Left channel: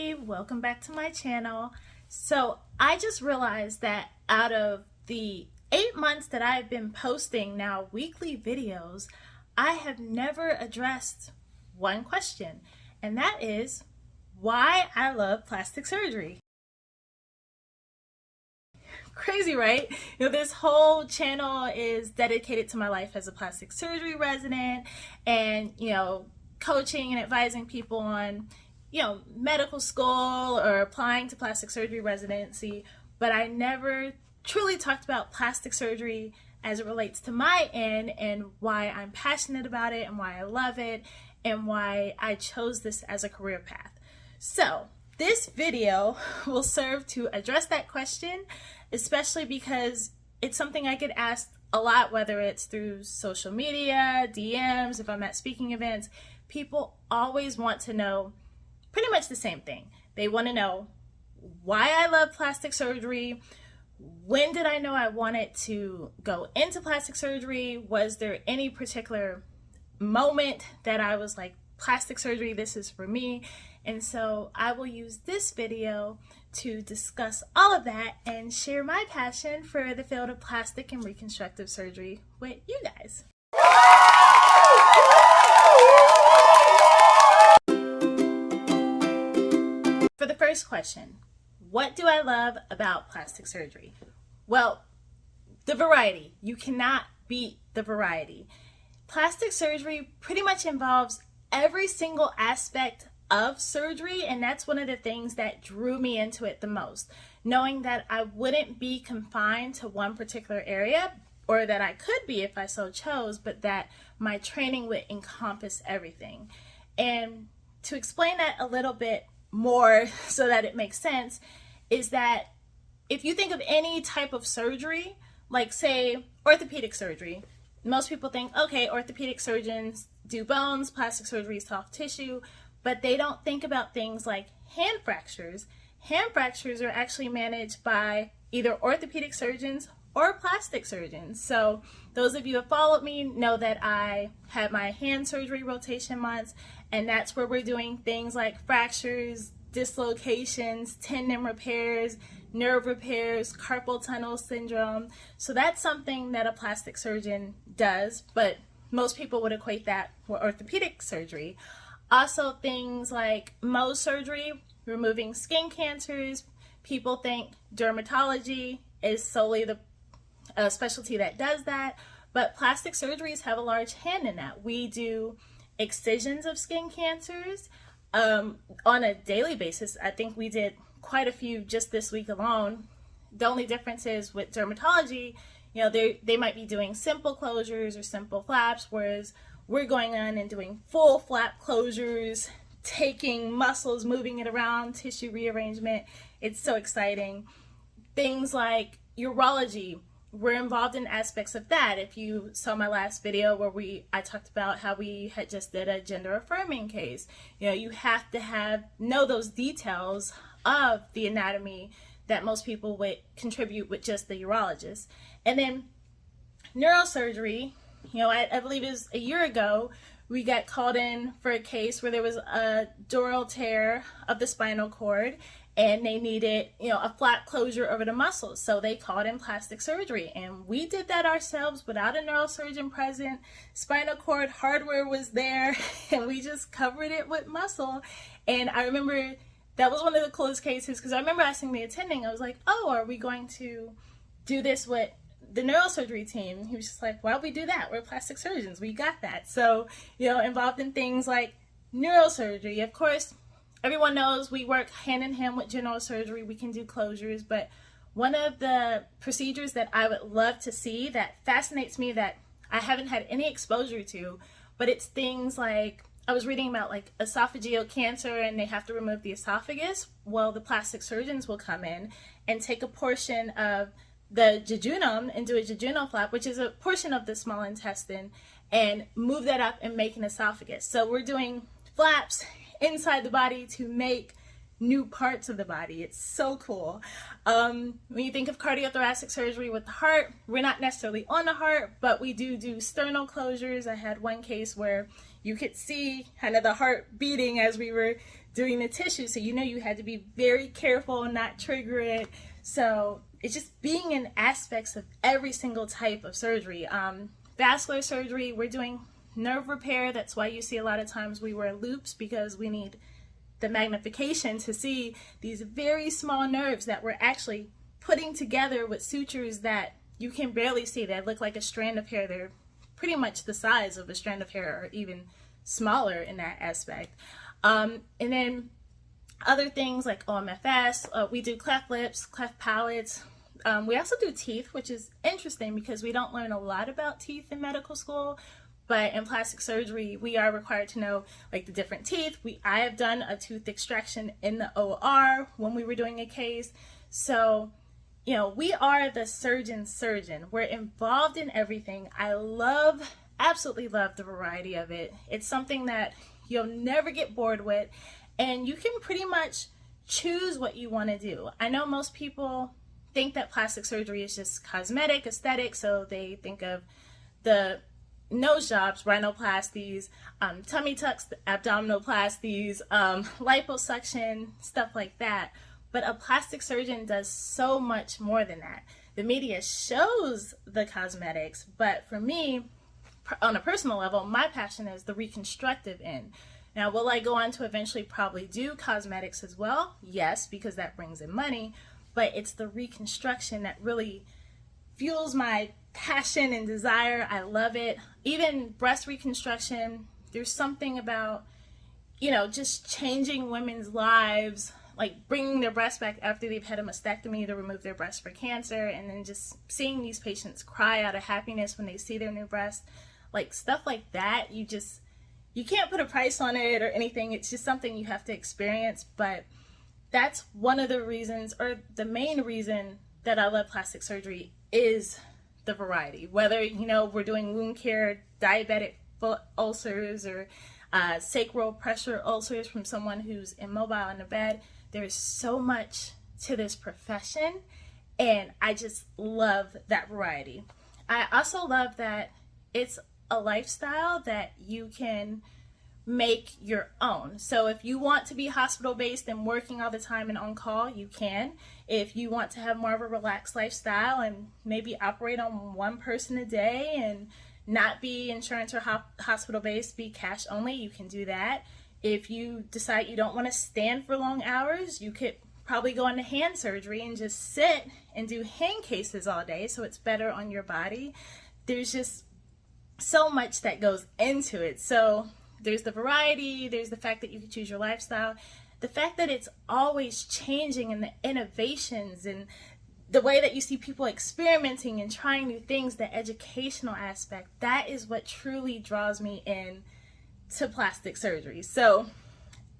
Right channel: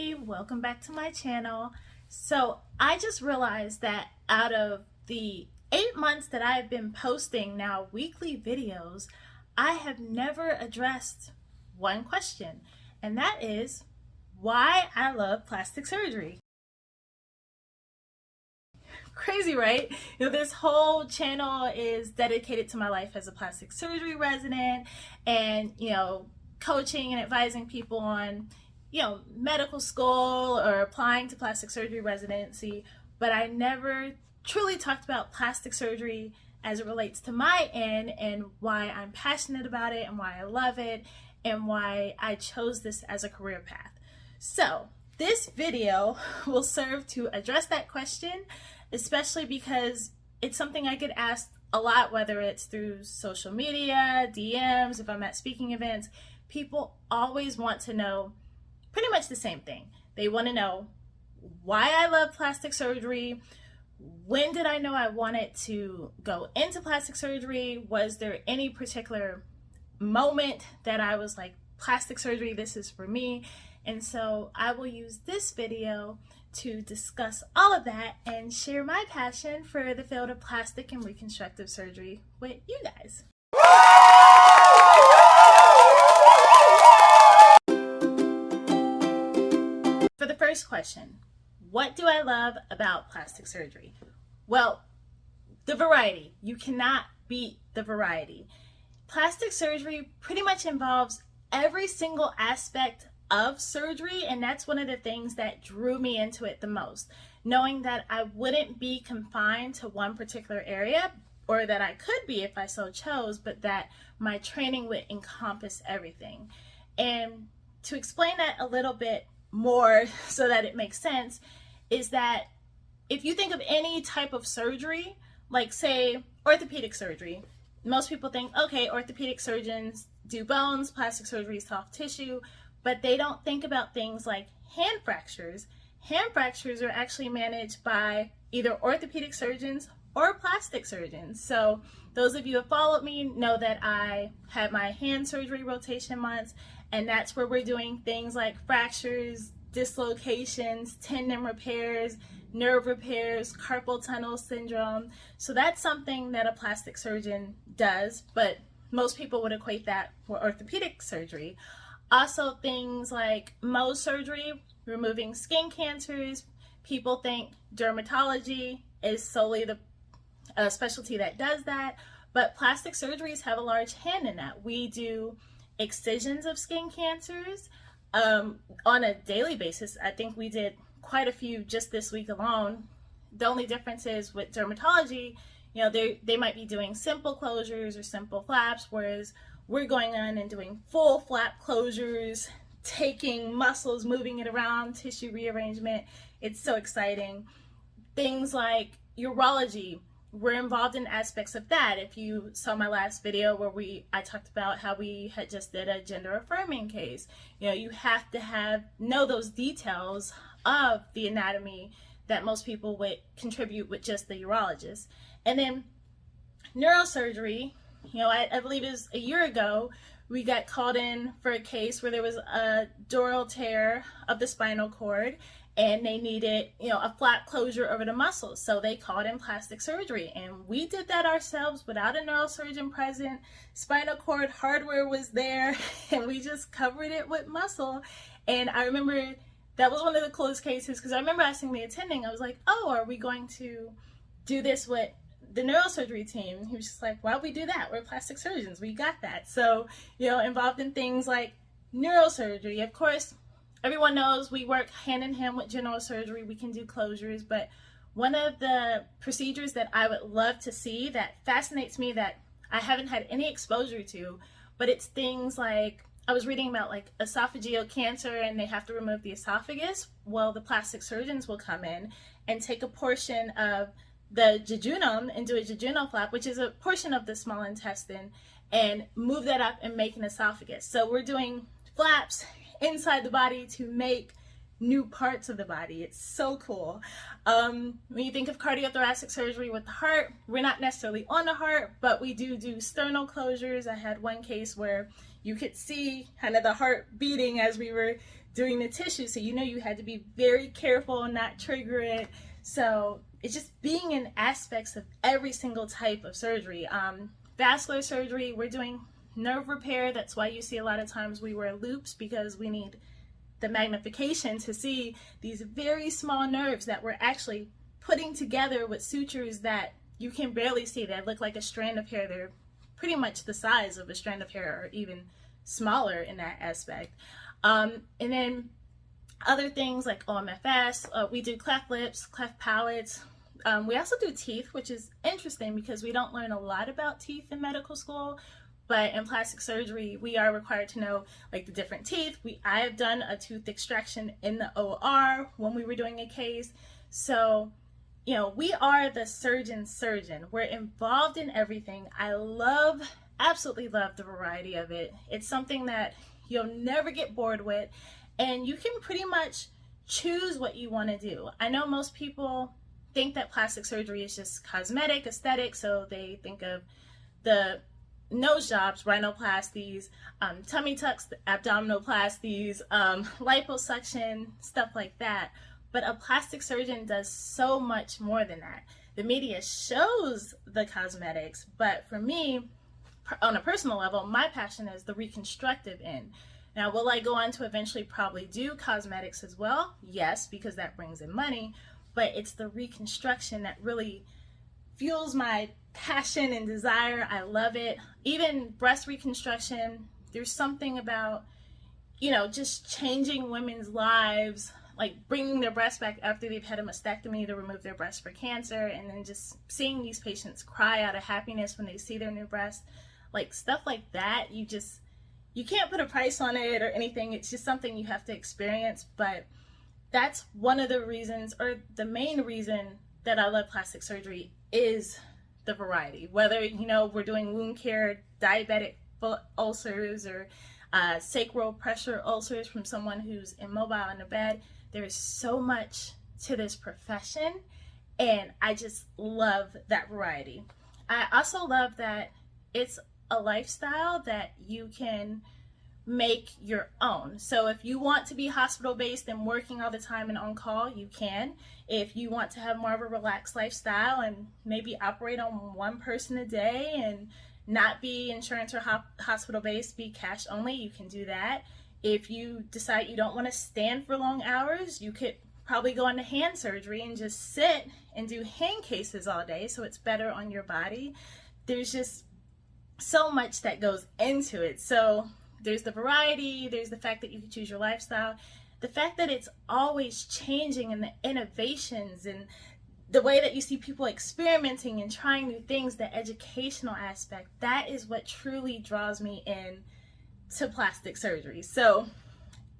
everybody, welcome back to my channel. So I just realized that out of the 8 months that I've been posting now weekly videos, I have never addressed one question, and that is why I love plastic surgery. Crazy, right? This whole channel is dedicated to my life as a plastic surgery resident and, coaching and advising people on, medical school or applying to plastic surgery residency, but I never truly talked about plastic surgery as it relates to my end and why I'm passionate about it and why I love it and why I chose this as a career path. So this video will serve to address that question, especially because it's something I get asked a lot, whether it's through social media, DMs, if I'm at speaking events. People always want to know pretty much the same thing. They want to know why I love plastic surgery. When did I know I wanted to go into plastic surgery? Was there any particular moment that I was like, plastic surgery, this is for me? And so I will use this video to discuss all of that and share my passion for the field of plastic and reconstructive surgery with you guys. For the first question, what do I love about plastic surgery? Well, the variety. You cannot beat the variety. Plastic surgery pretty much involves every single aspect of surgery, and that's one of the things that drew me into it the most, knowing that I wouldn't be confined to one particular area, or that I could be if I so chose, but that my training would encompass everything. And to explain that a little bit more so that it makes sense is that if you think of any type of surgery, like say orthopedic surgery, most people think, okay, orthopedic surgeons do bones, plastic surgery is soft tissue, but they don't think about things like hand fractures. Hand fractures are actually managed by either orthopedic surgeons or plastic surgeons. So those of you who have followed me know that I had my hand surgery rotation months, and that's where we're doing things like fractures, dislocations, tendon repairs, nerve repairs, carpal tunnel syndrome. So that's something that a plastic surgeon does, but most people would equate that with orthopedic surgery. Also things like Mohs surgery, removing skin cancers. People think dermatology is solely the specialty that does that, but plastic surgeries have a large hand in that. We do excisions of skin cancers on a daily basis. I think we did quite a few just this week alone. The only difference is with dermatology, they might be doing simple closures or simple flaps, whereas we're going on and doing full flap closures, taking muscles, moving it around, tissue rearrangement. It's so exciting. Things like urology, we're involved in aspects of that. If you saw my last video where I talked about how we had just did a gender affirming case, you have to know those details of the anatomy that most people would contribute with just the urologist. And then neurosurgery, I believe it was a year ago, we got called in for a case where there was a dural tear of the spinal cord and they needed, a flap closure over the muscles. So they called in plastic surgery, and we did that ourselves without a neurosurgeon present. Spinal cord hardware was there and we just covered it with muscle. And I remember that was one of the coolest cases because I remember asking the attending, I was like, oh, are we going to do this with the neurosurgery team? He was just like, why would we do that? We're plastic surgeons, we got that. So, involved in things like neurosurgery. Of course, everyone knows we work hand in hand with general surgery. We can do closures, but one of the procedures that I would love to see that fascinates me that I haven't had any exposure to, but it's things like, I was reading about like esophageal cancer and they have to remove the esophagus. Well, the plastic surgeons will come in and take a portion of the jejunum and do a jejunal flap, which is a portion of the small intestine, and move that up and make an esophagus. So we're doing flaps inside the body to make new parts of the body. It's so cool. When you think of cardiothoracic surgery with the heart, we're not necessarily on the heart, but we do sternal closures. I had one case where you could see kind of the heart beating as we were doing the tissue, so you know you had to be very careful and not trigger it. So it's just being in aspects of every single type of surgery. Vascular surgery, we're doing nerve repair. That's why you see a lot of times we wear loops, because we need the magnification to see these very small nerves that we're actually putting together with sutures that you can barely see. They look like a strand of hair. They're pretty much the size of a strand of hair, or even smaller in that aspect. And then other things like OMFS, we do cleft lips, cleft palates. We also do teeth, which is interesting because we don't learn a lot about teeth in medical school, but in plastic surgery, we are required to know like the different teeth. I have done a tooth extraction in the OR when we were doing a case. So, you know, we are the surgeon's surgeon. We're involved in everything. I absolutely love the variety of it. It's something that you'll never get bored with, and you can pretty much choose what you want to do. I know most people think that plastic surgery is just cosmetic, aesthetic, so they think of the nose jobs, rhinoplasties, tummy tucks, abdominoplasties, liposuction, stuff like that. But a plastic surgeon does so much more than that. The media shows the cosmetics, but for me, on a personal level, my passion is the reconstructive end. Now, will I go on to eventually probably do cosmetics as well? Yes, because that brings in money, but it's the reconstruction that really fuels my passion and desire. I love it. Even breast reconstruction, there's something about, you know, just changing women's lives, like bringing their breast back after they've had a mastectomy to remove their breast for cancer, and then just seeing these patients cry out of happiness when they see their new breast. Like stuff like that, you can't put a price on it or anything. It's just something you have to experience. But that's one of the reasons, or the main reason, that I love plastic surgery is the variety. Whether, you know, we're doing wound care, diabetic foot ulcers, or sacral pressure ulcers from someone who's immobile in the bed, there's so much to this profession, and I just love that variety. I also love that it's a lifestyle that you can make your own. So if you want to be hospital-based and working all the time and on call, you can. If you want to have more of a relaxed lifestyle and maybe operate on one person a day and not be insurance or hospital-based, be cash only, you can do that. If you decide you don't want to stand for long hours, you could probably go into hand surgery and just sit and do hand cases all day, so it's better on your body. There's just so much that goes into it. So there's the variety, there's the fact that you can choose your lifestyle, the fact that it's always changing, and the innovations and the way that you see people experimenting and trying new things, the educational aspect, that is what truly draws me in to plastic surgery. So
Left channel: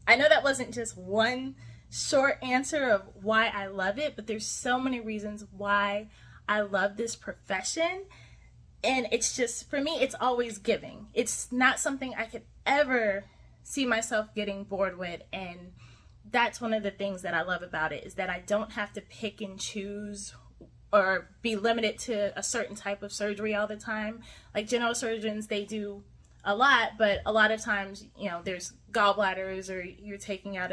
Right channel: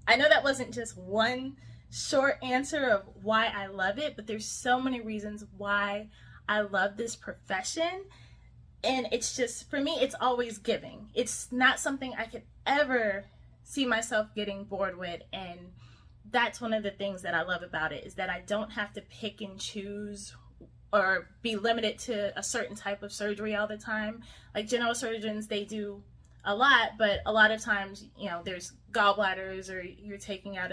I know that wasn't just one short answer of why I love it, but there's so many reasons why I love this profession. And it's just, for me, it's always giving. It's not something I could ever see myself getting bored with. And that's one of the things that I love about it, is that I don't have to pick and choose or be limited to a certain type of surgery all the time. Like general surgeons, they do a lot, but a lot of times, you know, there's gallbladders, or you're taking out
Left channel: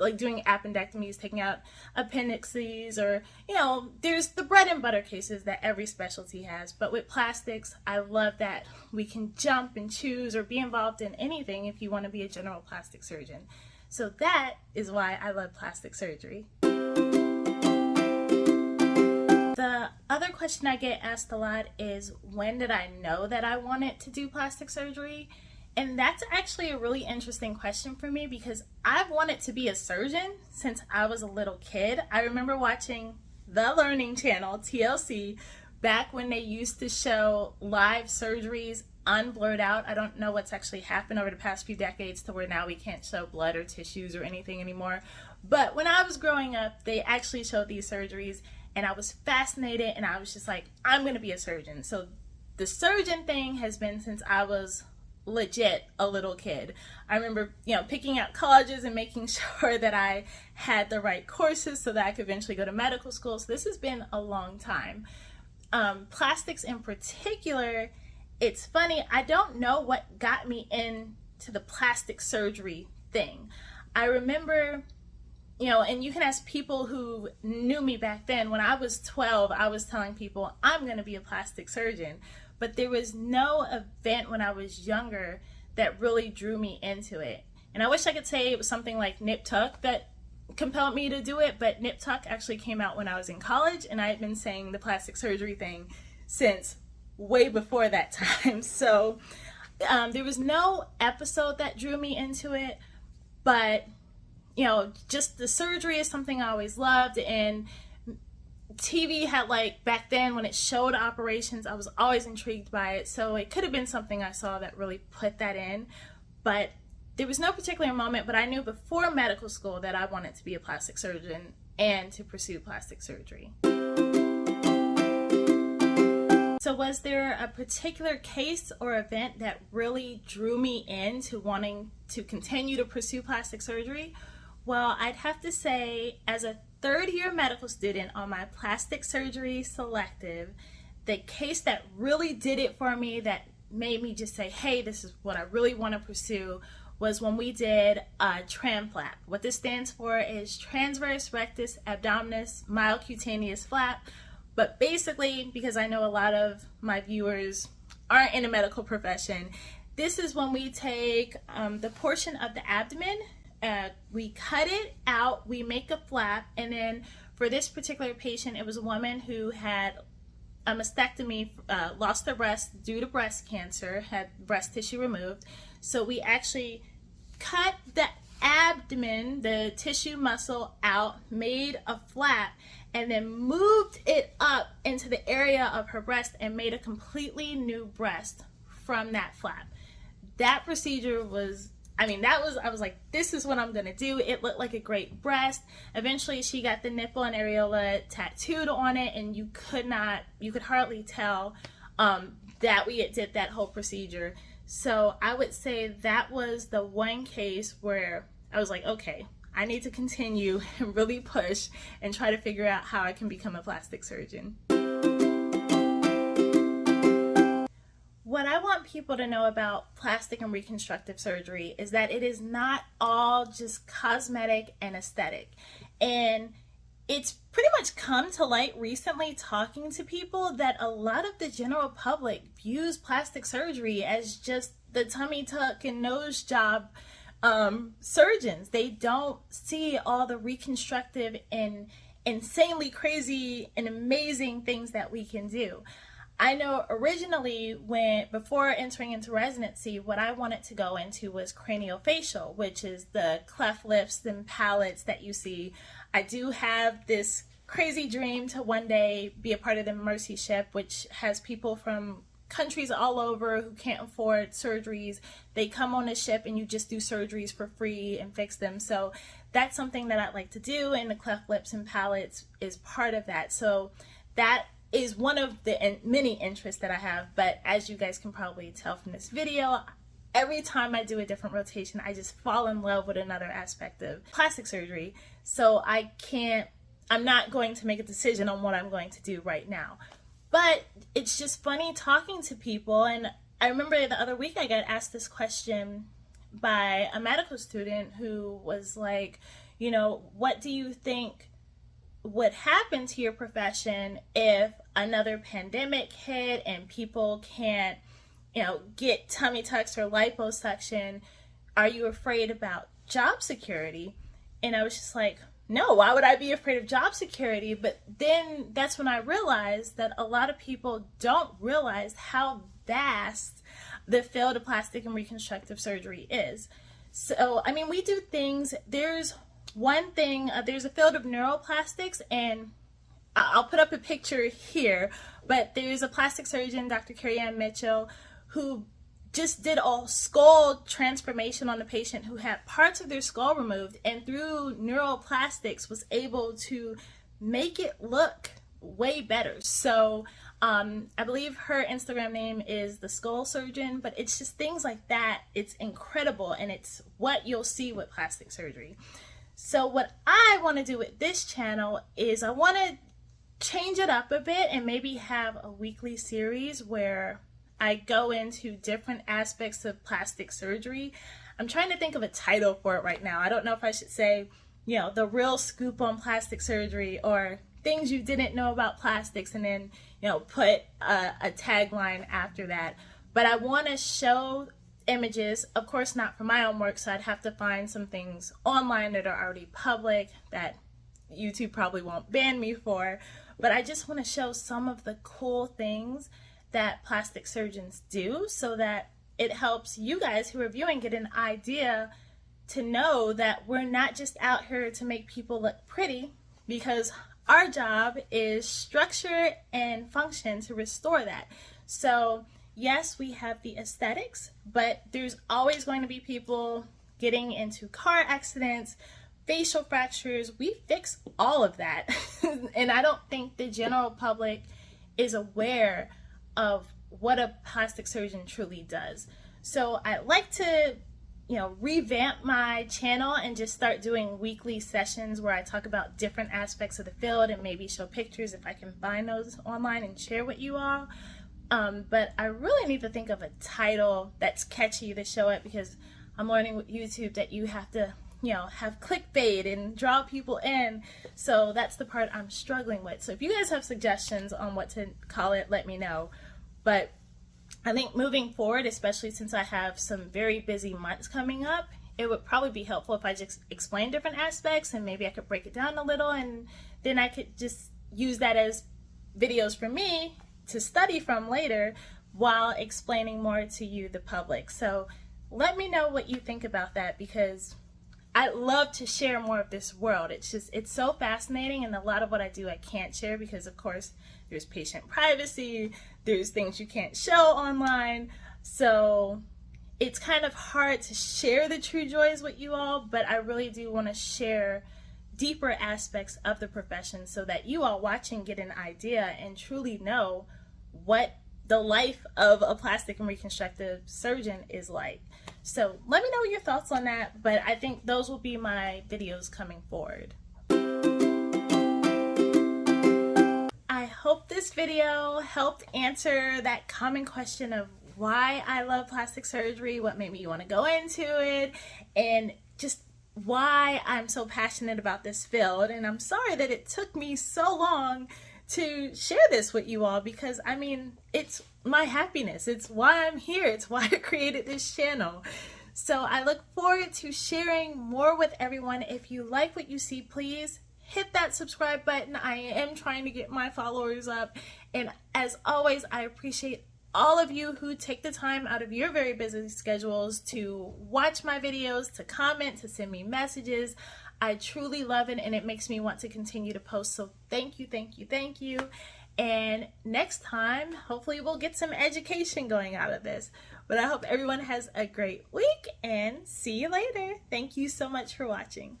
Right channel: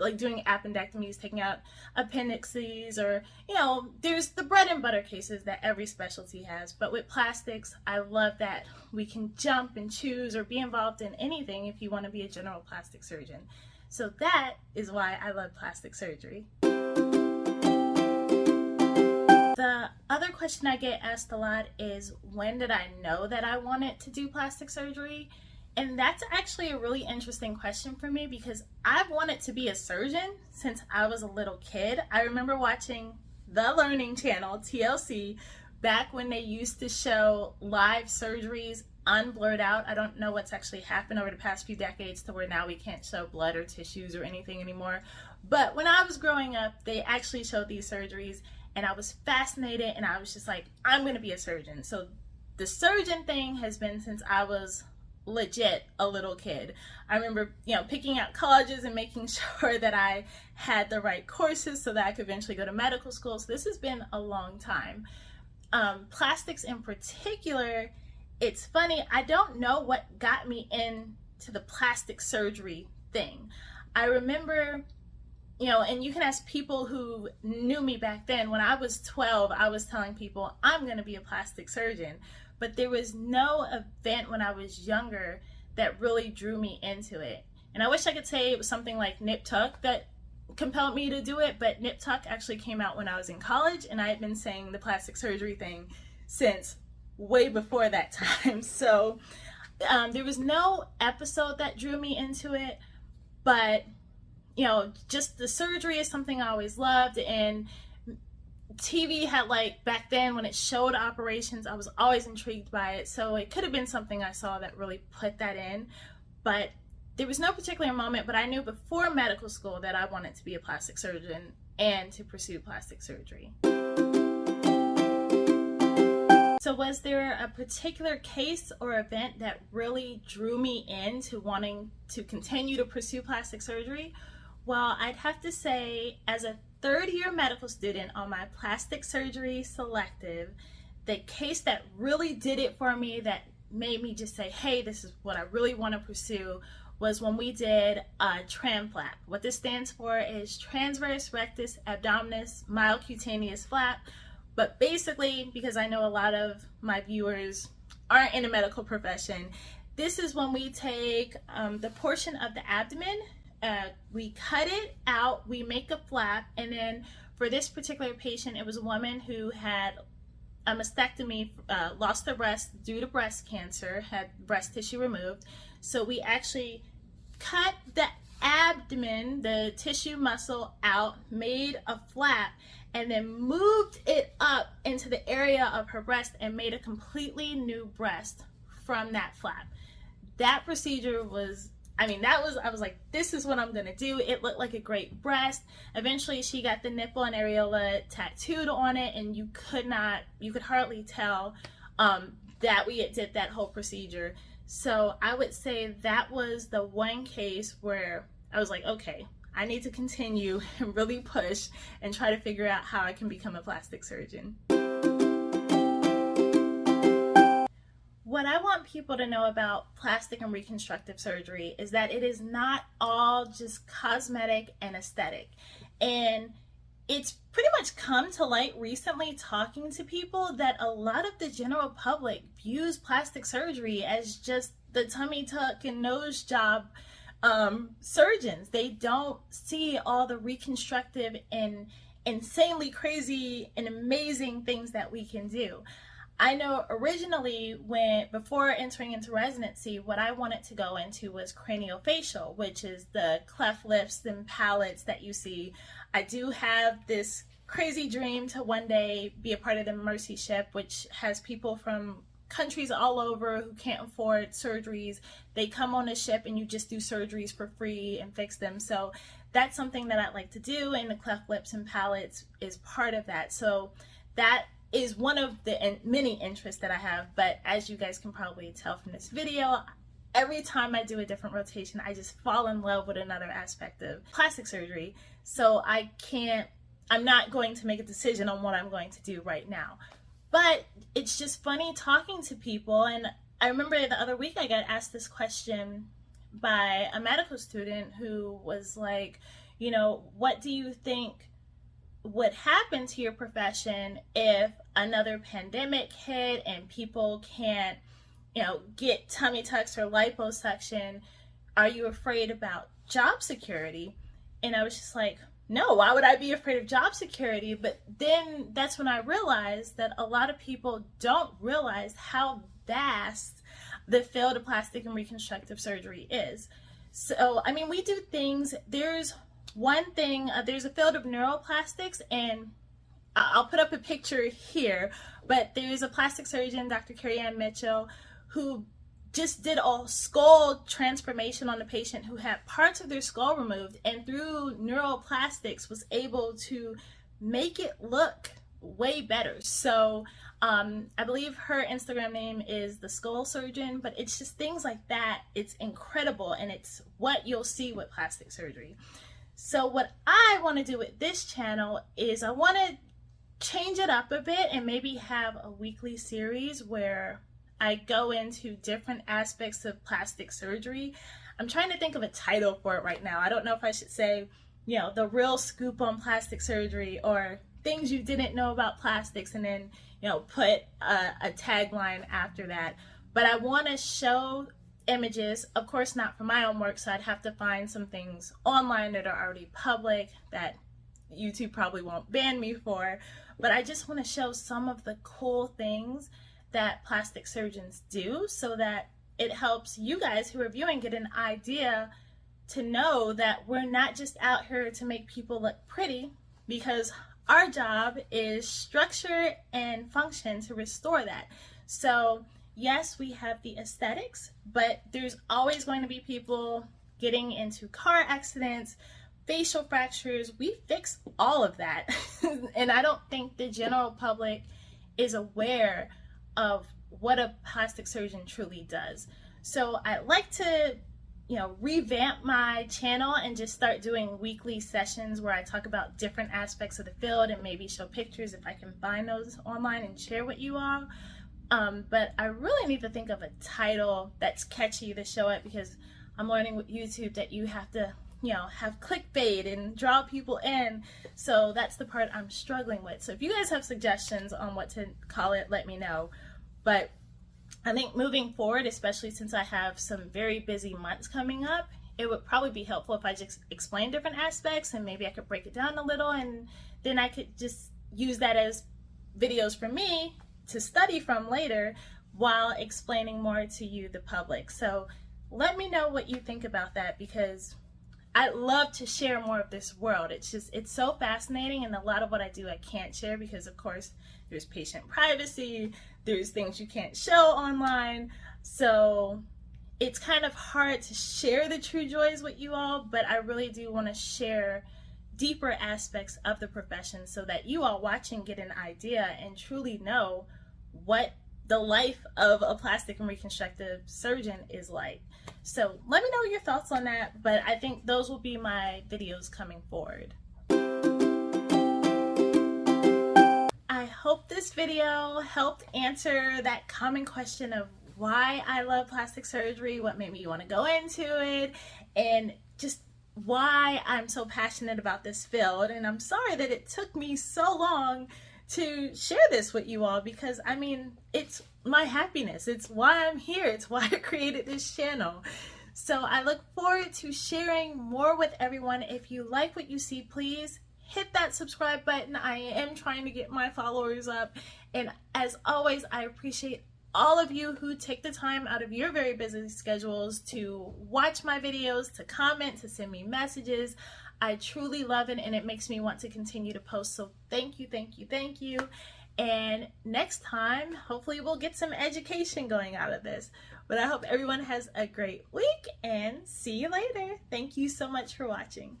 like doing appendectomies, taking out appendixes, or, you know, there's the bread and butter cases that every specialty has. But with plastics, I love that we can jump and choose or be involved in anything if you want to be a general plastic surgeon. So that is why I love plastic surgery. The other question I get asked a lot is, when did I know that I wanted to do plastic surgery? And that's actually a really interesting question for me, because I've wanted to be a surgeon since I was a little kid. I remember watching the Learning Channel, TLC, back when they used to show live surgeries unblurred out. I don't know what's actually happened over the past few decades to where now we can't show blood or tissues or anything anymore. But when I was growing up, they actually showed these surgeries, and I was fascinated, and I was just like, I'm going to be a surgeon. So the surgeon thing has been since I was legit a little kid. I remember, picking out colleges and making sure that I had the right courses so that I could eventually go to medical school. So this has been a long time. Plastics in particular, it's funny, I don't know what got me into the plastic surgery thing. I remember, and you can ask people who knew me back then. When I was 12, I was telling people I'm going to be a plastic surgeon. But there was no event when I was younger that really drew me into it. And I wish I could say it was something like Nip Tuck that compelled me to do it, but Nip Tuck actually came out when I was in college, and I had been saying the plastic surgery thing since way before that time. So there was no episode that drew me into it, but just the surgery is something I always loved, and TV had, back then when it showed operations, I was always intrigued by it. So it could have been something I saw that really put that in, but there was no particular moment. But I knew before medical school that I wanted to be a plastic surgeon and to pursue plastic surgery. So was there a particular case or event that really drew me into wanting to continue to pursue plastic surgery? Well, I'd have to say, as a third-year medical student on my plastic surgery selective, the case that really did it for me, that made me just say, hey, this is what I really want to pursue, was when we did a tram flap. What this stands for is transverse rectus abdominis myocutaneous flap. But basically, because I know a lot of my viewers aren't in the medical profession, this is when we take the portion of the abdomen, we cut it out, we make a flap, and then for this particular patient, it was a woman who had a mastectomy, lost their breast due to breast cancer, had breast tissue removed. So we actually cut the abdomen, the tissue muscle out, made a flap, and then moved it up into the area of her breast and made a completely new breast from that flap. That procedure was, I was like, this is what I'm gonna do. It looked like a great breast. Eventually she got the nipple and areola tattooed on it, and you could hardly tell that we did that whole procedure. So I would say that was the one case where I was like, okay, I need to continue and really push and try to figure out how I can become a plastic surgeon. What I want people to know about plastic and reconstructive surgery is that it is not all just cosmetic and aesthetic. And it's pretty much come to light recently, talking to people, that a lot of the general public views plastic surgery as just the tummy tuck and nose job surgeons. They don't see all the reconstructive and insanely crazy and amazing things that we can do. I know originally, before entering into residency, what I wanted to go into was craniofacial, which is the cleft lips and palates that you see. I do have this crazy dream to one day be a part of the Mercy Ship, which has people from countries all over who can't afford surgeries. They come on a ship and you just do surgeries for free and fix them. So that's something that I'd like to do, and the cleft lips and palates is part of that. So that is one of the many interests that I have. But as you guys can probably tell from this video, every time I do a different rotation, I just fall in love with another aspect of plastic surgery. So I'm not going to make a decision on what I'm going to do right now. But it's just funny talking to people. And I remember the other week I got asked this question by a medical student who was like, what do you think would happen to your profession if another pandemic hit and people can't, get tummy tucks or liposuction? Are you afraid about job security? And I was just like, no, why would I be afraid of job security? But then that's when I realized that a lot of people don't realize how vast the field of plastic and reconstructive surgery is. So, we do things, there's a field of neuroplastics, and I'll put up a picture here, but there's a plastic surgeon, Dr. Carrie Ann Mitchell, who just did a skull transformation on a patient who had parts of their skull removed, and through neuroplastics was able to make it look way better. So I believe her Instagram name is the Skull Surgeon, but it's just things like that. It's incredible, and it's what you'll see with plastic surgery. So what I want to do with this channel is I want to change it up a bit and maybe have a weekly series where I go into different aspects of plastic surgery. I'm trying to think of a title for it right now. I don't know if I should say, you know, the real scoop on plastic surgery, or things you didn't know about plastics, and then, you know, put a tagline after that. But I want to show images, of course not for my own work, so I'd have to find some things online that are already public that YouTube probably won't ban me for, but I just want to show some of the cool things that plastic surgeons do, so that it helps you guys who are viewing get an idea to know that we're not just out here to make people look pretty, because our job is structure and function to restore that. So yes, we have the aesthetics, but there's always going to be people getting into car accidents, facial fractures. We fix all of that. And I don't think the general public is aware of what a plastic surgeon truly does. So I'd like to, you know, revamp my channel and just start doing weekly sessions where I talk about different aspects of the field and maybe show pictures if I can find those online and share with you all. But I really need to think of a title that's catchy to show it, because I'm learning with YouTube that you have to, you know, have clickbait and draw people in. So that's the part I'm struggling with. So if you guys have suggestions on what to call it, let me know. But I think moving forward, especially since I have some very busy months coming up, it would probably be helpful if I just explain different aspects, and maybe I could break it down a little, and then I could just use that as videos for me to study from later while explaining more to you, the public. So let me know what you think about that, because I love to share more of this world. It's so fascinating, and a lot of what I do I can't share because, of course, there's patient privacy, there's things you can't show online. So it's kind of hard to share the true joys with you all, but I really do want to share deeper aspects of the profession so that you all watching get an idea and truly know what the life of a plastic and reconstructive surgeon is like. So let me know your thoughts on that, but I think those will be my videos coming forward. I hope this video helped answer that common question of why I love plastic surgery, what made me want to go into it, and just why I'm so passionate about this field. And I'm sorry that it took me so long to share this with you all, because I mean, it's my happiness, it's why I'm here, it's why I created this channel. So I look forward to sharing more with everyone. If you like what you see, please hit that subscribe button. I am trying to get my followers up, and as always, I appreciate all of you who take the time out of your very busy schedules to watch my videos, to comment, to send me messages. I truly love it, and it makes me want to continue to post. So thank you, thank you, thank you. And next time, hopefully we'll get some education going out of this. But I hope everyone has a great week, and see you later. Thank you so much for watching.